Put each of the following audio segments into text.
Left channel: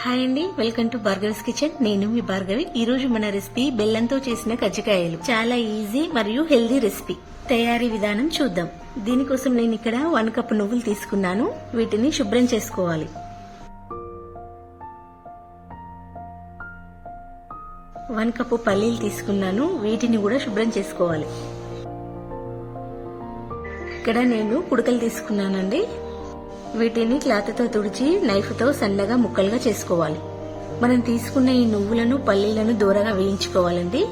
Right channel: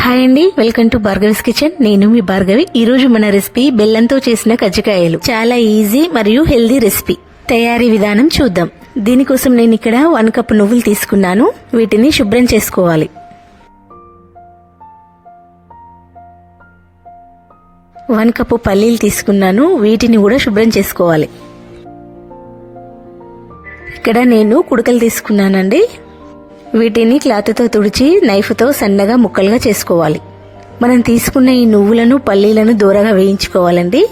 Hi అండి, welcome to భార్గవిస్ kitchen. నేను మీ భార్గవి. ఈ రోజు మన రెసిపీ బెల్లంతో చేసిన కజ్జికాయలు. చాలా ఈజీ మరియు హెల్దీ రెసిపీ. తయారీ విధానం చూద్దాం. దీనికోసం నేను ఇక్కడ 1 కప్ నువ్వులు తీసుకున్నాను. వీటిని శుభ్రం చేసుకోవాలి. 1 కప్పు పల్లీలు తీసుకున్నాను. వీటిని కూడా శుభ్రం చేసుకోవాలి. ఇక్కడ నేను కుడకలు తీసుకున్నానండి. వీటిని క్లాత్తో తుడిచి నైఫ్తో సన్నగా ముక్కలుగా చేసుకోవాలి. మనం తీసుకున్న ఈ నువ్వులను పల్లీలను దూరగా వేయించుకోవాలండి.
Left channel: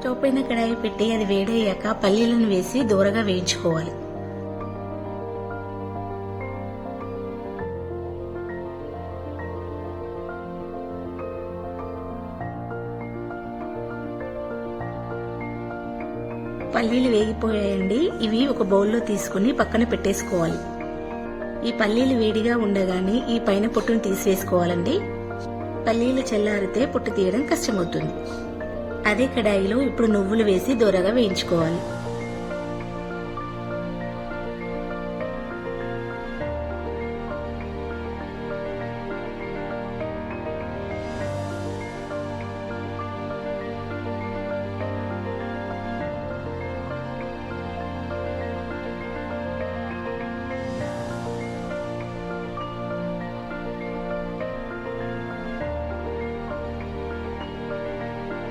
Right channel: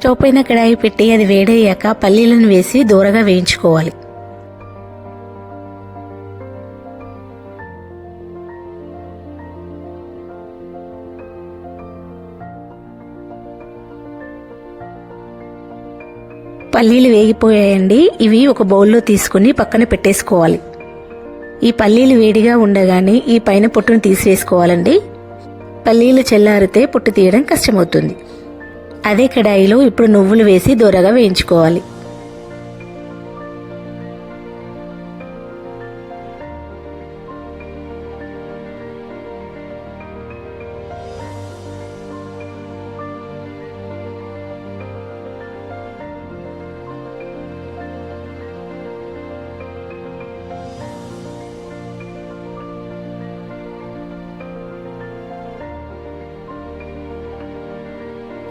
స్టవ్ పైన కడాయి పెట్టి అది వేడయ్యాక పల్లీలను వేసి దూరగా వేయించుకోవాలి. పల్లీలు వేగిపోయాయండి. ఇవి ఒక బౌల్లో తీసుకుని పక్కన పెట్టేసుకోవాలి. ఈ పల్లీలు వేడిగా ఉండగానే ఈ పైన పొట్టును తీసివేసుకోవాలండి. పల్లీలు చల్లారితే పొట్టు తీయడం కష్టమవుతుంది. అదే కడాయిలో ఇప్పుడు నువ్వులు వేసి దూరగా వేయించుకోవాలి.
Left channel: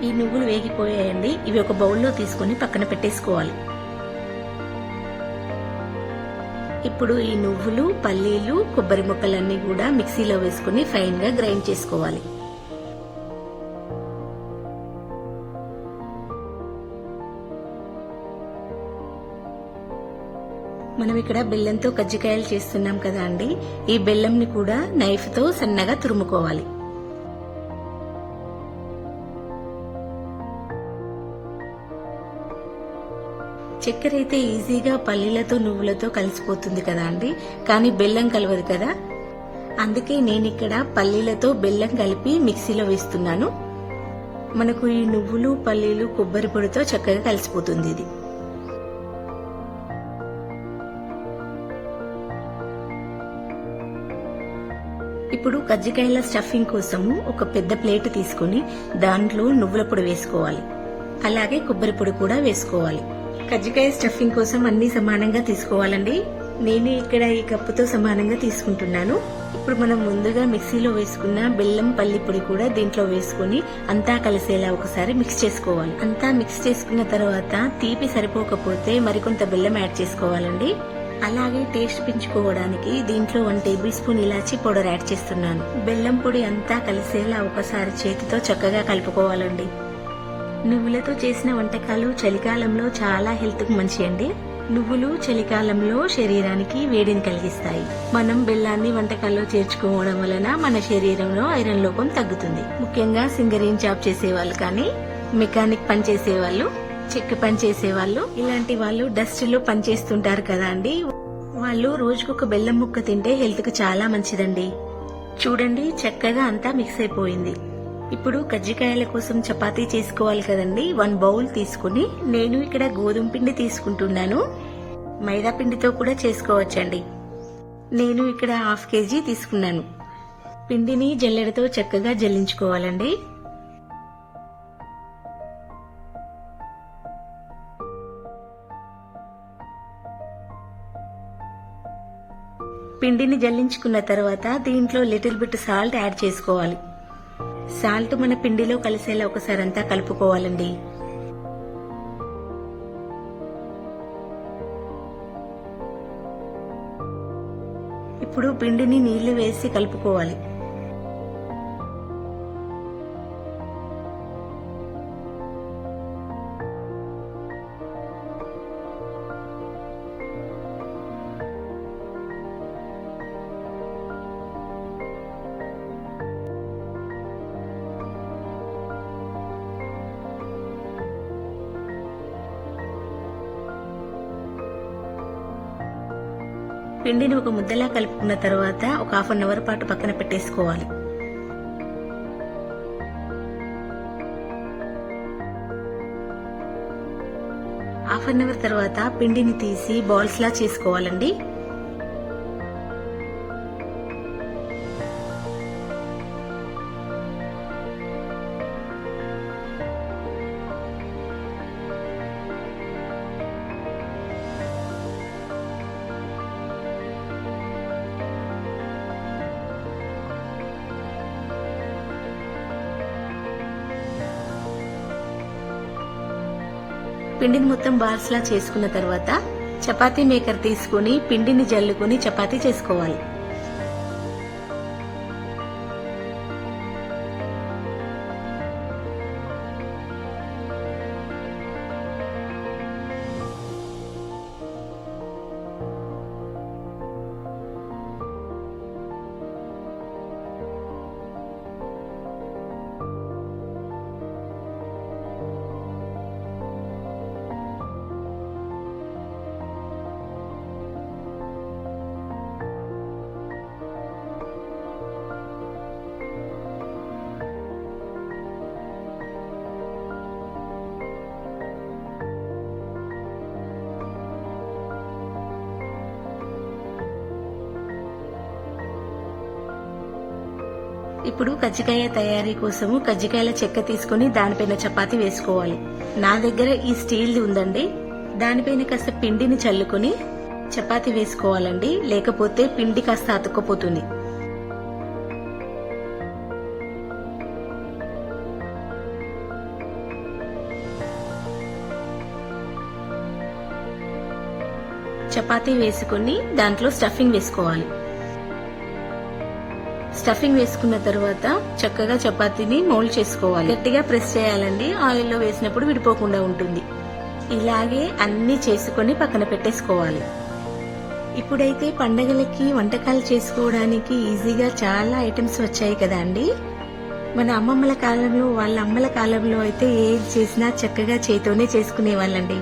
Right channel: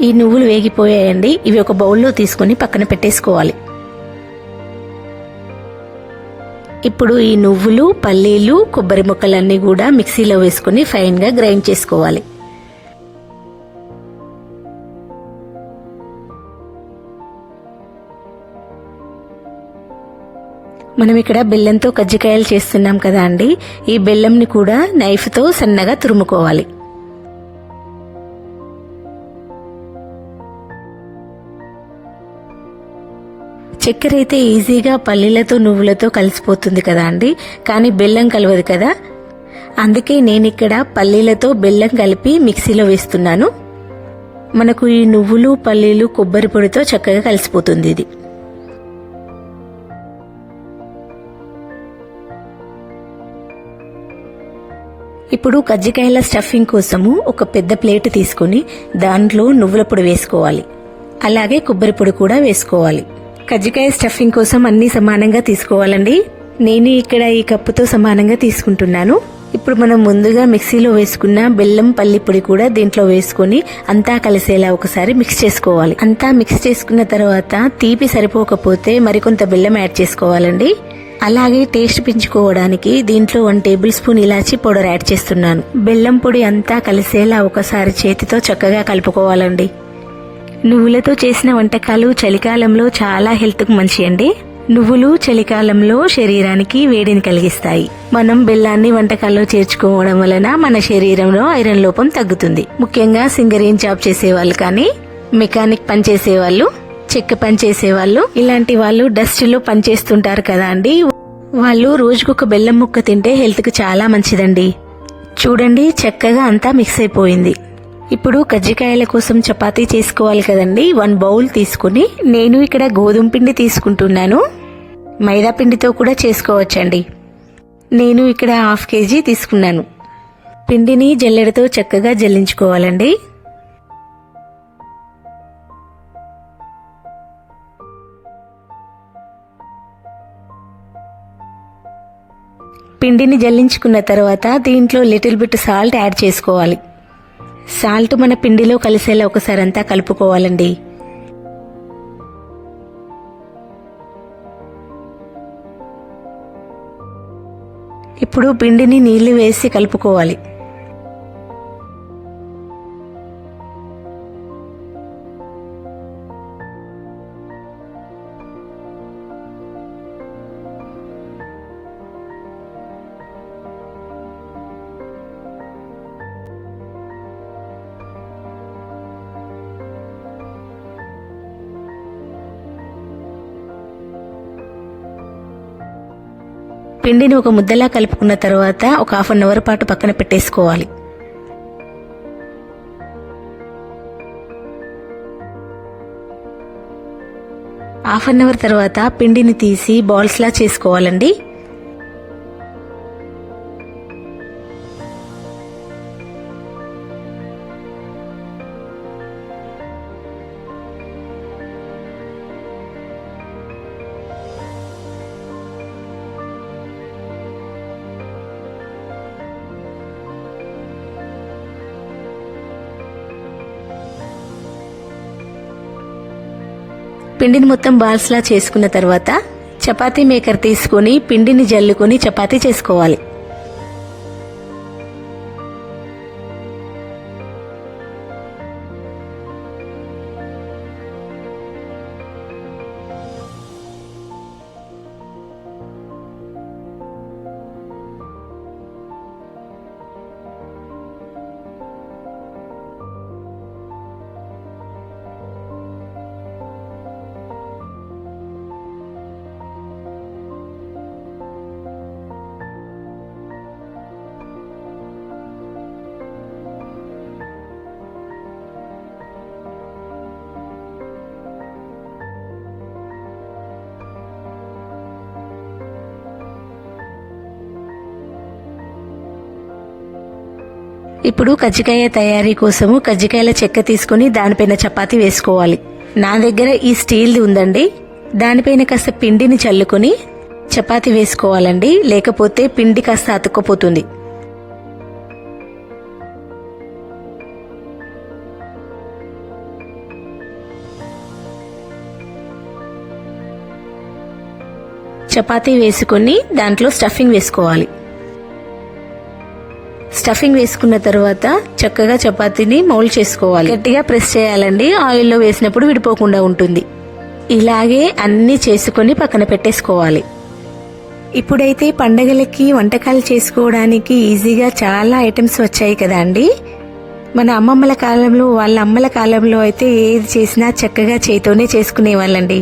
ఈ నువ్వులు వేగిపోయాయండి. ఇవి ఒక బౌల్లో తీసుకుని పక్కన పెట్టేసుకోవాలి. ఇప్పుడు ఈ నువ్వులు, పల్లీలు, కొబ్బరి ముక్కలన్నీ కూడా మిక్సీలో వేసుకుని ఫైన్ గా గ్రైండ్ చేసుకోవాలి. మనం ఇక్కడ బెల్లంతో కజ్జికాయలు చేస్తున్నాం కదా అండి. ఈ బెల్లంని కూడా నైఫ్తో సన్నగా తురుముకోవాలి. చక్కెర అయితే ఈజీగా పల్లీలతో నువ్వులతో కలిసిపోతుంది కదా అండి. కానీ బెల్లం కలవదు కదా. అందుకే నేనిక్కడ పల్లీలతో బెల్లం కలిపి మిక్సీలో వేస్తున్నాను. మనకు ఈ నువ్వులు, పల్లీలు, కొబ్బరి పొడితో చక్కగా కలిసిపోతుంది ఇది. ఇప్పుడు కజ్జికాయల స్టఫింగ్ కోసము ఒక పెద్ద ప్లేట్ తీసుకుని దాంట్లో నువ్వుల పొడి వేసుకోవాలి. అలాగే కొబ్బరి పొడి కూడా వేసుకోవాలి. కజ్జికాయ స్టఫింగ్ కోసం అన్ని సమానంగా తీసుకోవాలండి. నేను ఇక్కడ ఈ కప్పుతో సమానంగా తీసుకుంటున్నాను. ఇప్పుడు మనం ముందుగా మిక్సీలో వేసుకున్న బెల్లం, పల్లి పొడి కూడా దీంట్లో వేసుకుని అంతా కలిసేలా ఒకసారి మిక్స్ చేసుకోవాలి. అంతా మిక్స్ చేసుకున్న తర్వాత తీపి సరిపోకపోతే మరికొంత బెల్లం యాడ్ చేసుకోవాలండి. అలాగే టేస్ట్ పెంచుకోవడానికి దీంట్లో 1 టేబుల్ స్పూన్ ఇలాచీ పౌడర్ యాడ్ చేస్తున్నాను. బెల్లం పొడి అంతా కలిసేలా ఒకసారి చేతితో చక్కగా కలుపుకోవాలండి. నువ్వులతో చేసిన వంటకాలు చలికాలంలో చాలా హెల్త్ కు మంచి అండి. నువ్వులు చలికాలంలో శరీరానికి వేడిని కలిగిస్తాయి. మనం బెల్లాన్ని వంటకాల్లో చేర్చుకోవడం వలన మన శరీరంలో ఐరన్ లోపం తగ్గుతుంది. ముఖ్యంగా సింగరేన్ జాబ్ చేసేవాళ్ళు, కానీ మెకానిక్ పని చేసేవాళ్ళు, చెక్క పని చేసేవాళ్ళు, ఇలాంటి వాళ్ళు డస్ట్ లో పనిచేస్తుంటారు కదా అండి. వాళ్ళు రోజుకొక బెల్లం ముక్క తింటే హెల్త్ కు చాలా మంచిదండి. చూడండి, చక్కగా అంతా మిక్స్ అయిపోయింది. ఇప్పుడు కజ్జికాయల కోసం చపాతీ చేసుకోవాలి కదండి. 1 బౌల్ తీసుకుని నేను ఇక్కడ గోధుమ పిండి తీసుకుంటున్నాను. మైదా పిండితో కూడా చేసుకోవచ్చండి. నేను ఇక్కడ 1/2 కేజీ తీసుకున్నాను. పిండిని జల్లెడతో చక్కగా జల్లించుకోవాలండి. పిండిని జల్లించుకున్న తర్వాత దీంట్లో లిటిల్ బిట్ సాల్ట్ యాడ్ చేసుకోవాలి. సాల్ట్ మన పిండిలో కలిసేలా ఒకసారి అంతా కలుపుకోవాలండి. ఇప్పుడు పిండిని నీళ్లు వేసి కలుపుకోవాలి. పిండిని ఒక ముద్దలా కలుపుకున్న తర్వాత ఒక హాఫ్ అన్ అవర్ పాటు పక్కన పెట్టేసుకోవాలి. హాఫ్ అన్ అవర్ తర్వాత పిండిని తీసి బాల్స్ లా చేసుకోవాలండి. పిండిని మొత్తం బాల్స్ లా చేసుకున్న తర్వాత చపాతీ మేకర్ తీసుకుని పిండిని జల్లుకొని చపాతీ చేసుకోవాలి. ఇప్పుడు కజ్జికాయ తయారీ కోసము కజ్జికాయల చెక్క తీసుకుని దానిపైన చపాతీ వేసుకోవాలి. నా దగ్గర ఈ స్టీల్ది ఉందండి. దానిపైన కాస్త పిండిని చల్లుకొని చపాతీ వేసుకోవాలండి, లేకపోతే పిండి కాస్త అతుక్కపోతుంది. చపాతీ వేసుకుని దాంట్లో స్టఫింగ్ వేసుకోవాలి. స్టఫింగ్ వేసుకున్న తర్వాత చక్కగా చపాతీని మౌల్డ్ చేసుకోవాలి. గట్టిగా ప్రెస్ చేయాలండి, ఆయిల్లో వేసినప్పుడు విడిపోకుండా ఉంటుంది. ఇలాగే అన్ని చేసుకుని పక్కన పెట్టేసుకోవాలి. ఇప్పుడైతే పండగలకి వంటకాలు చేసుకోవడానికి ఈజీగా చాలా ఐటమ్స్ వచ్చాయి కదా అండి. మన అమ్మమ్మల కాలంలో, వాళ్ళ అమ్మల కాలంలో అయితే ఏది చేసినా చక్కగా చేతితోనే చేసుకునేవాళ్ళండి.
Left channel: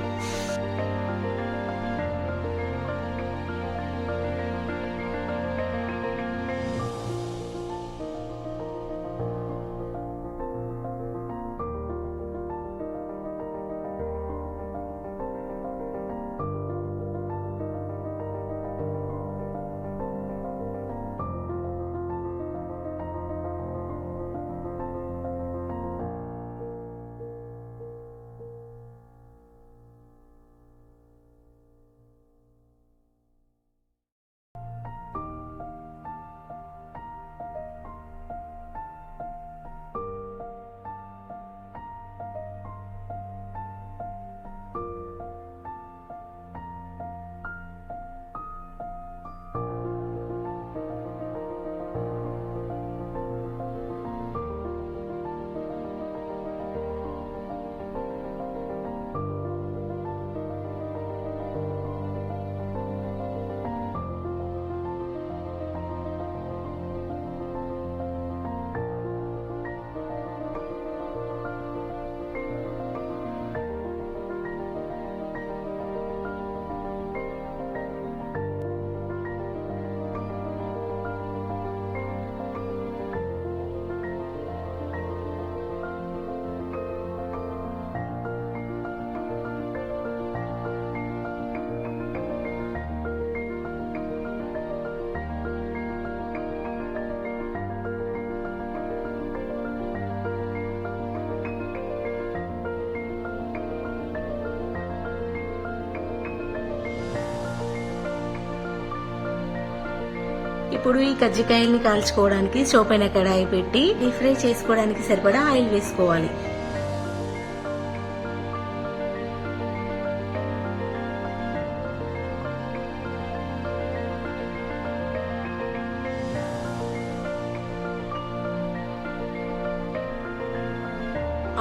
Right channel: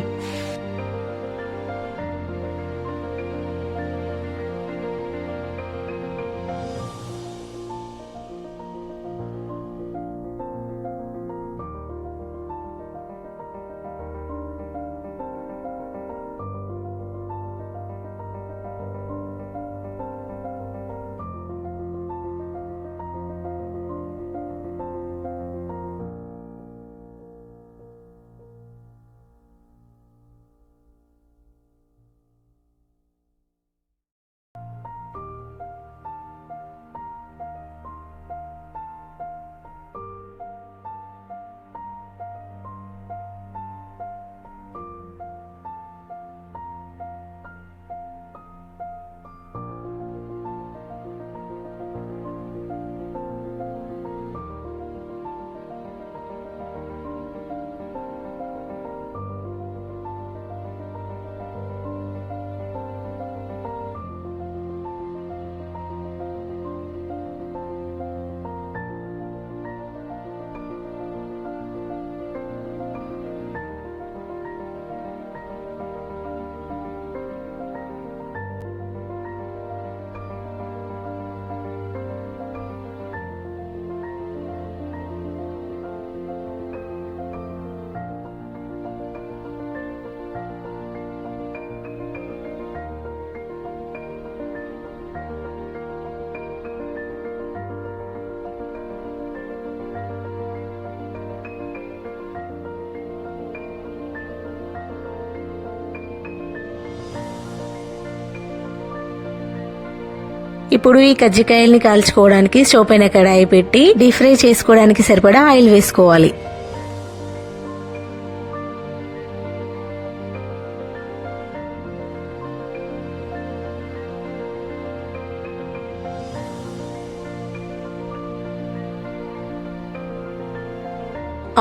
ఇప్పుడు ఈ కజ్జికాయల్ని కాల్చుకోవడానికి స్టవ్ పైన కడాయి పెట్టి డీప్ ఫ్రై చేసుకోవడానికి సరిపడా ఆయిల్ వేసుకోవాలి.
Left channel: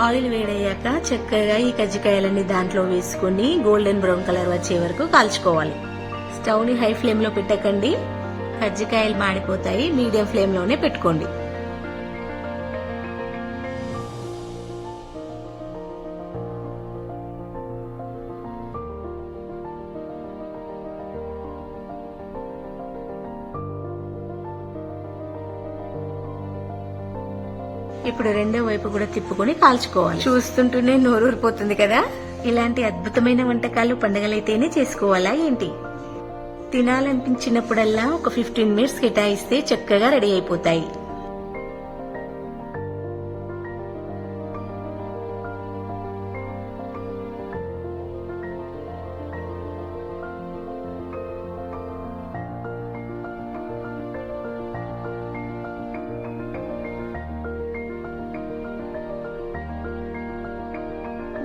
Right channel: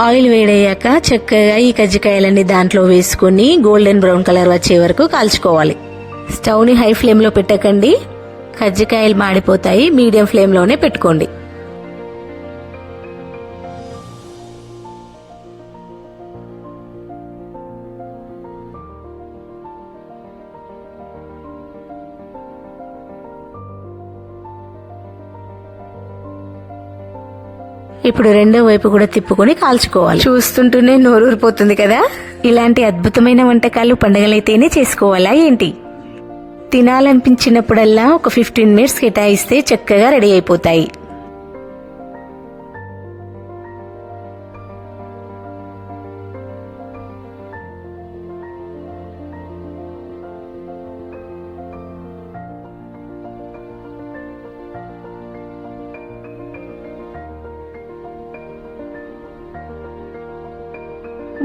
ఆయిల్ వేడయ్యాక చక్కగా ఈ కజ్జికాయలన్నీ దాంట్లో వేసుకుని గోల్డెన్ బ్రౌన్ కలర్ వచ్చే వరకు కాల్చుకోవాలి. స్టవ్ ని హై ఫ్లేమ్ లో పెట్టకండి, కజ్జికాయలు మాడిపోతాయి. మీడియం ఫ్లేమ్ లోనే పెట్టుకోండి. ఇప్పుడు రెండో వైపు కూడా తిప్పుకొని కాల్చుకోవాలి. చూస్తుంటూనే నోరూరిపోతుంది కదా. ఇలాంటి అద్భుతమైన వంటకాలు పండగలైతేనే చేసుకోవాలా ఏంటి? తినాలనిపించినప్పుడల్లా ఒక 15 మినిట్స్ కేటాయిస్తే చక్కగా రెడీ అయిపోతాయి.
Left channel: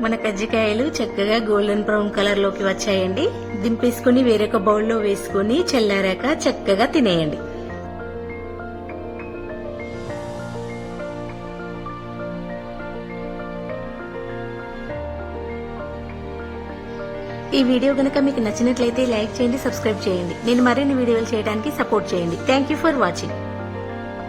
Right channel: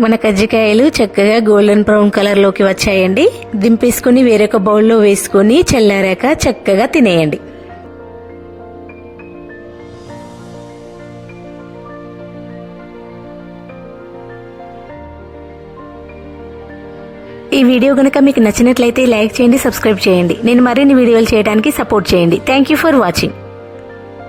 మన కజ్జికాయలు చక్కగా గోల్డెన్ బ్రౌన్ కలర్ లోకి వచ్చాయండి. దింపేసుకుని వేరొక బౌల్లో వేసుకుని చల్లారాక చక్కగా తినేయండి. ఈ వీడియో గనక మీకు నచ్చినట్లయితే లైక్ చేయండి, సబ్స్క్రైబ్ చేయండి. నేను మరిన్ని వీడియోలు చేయడానికి సపోర్ట్ చేయండి. Thank you for watching.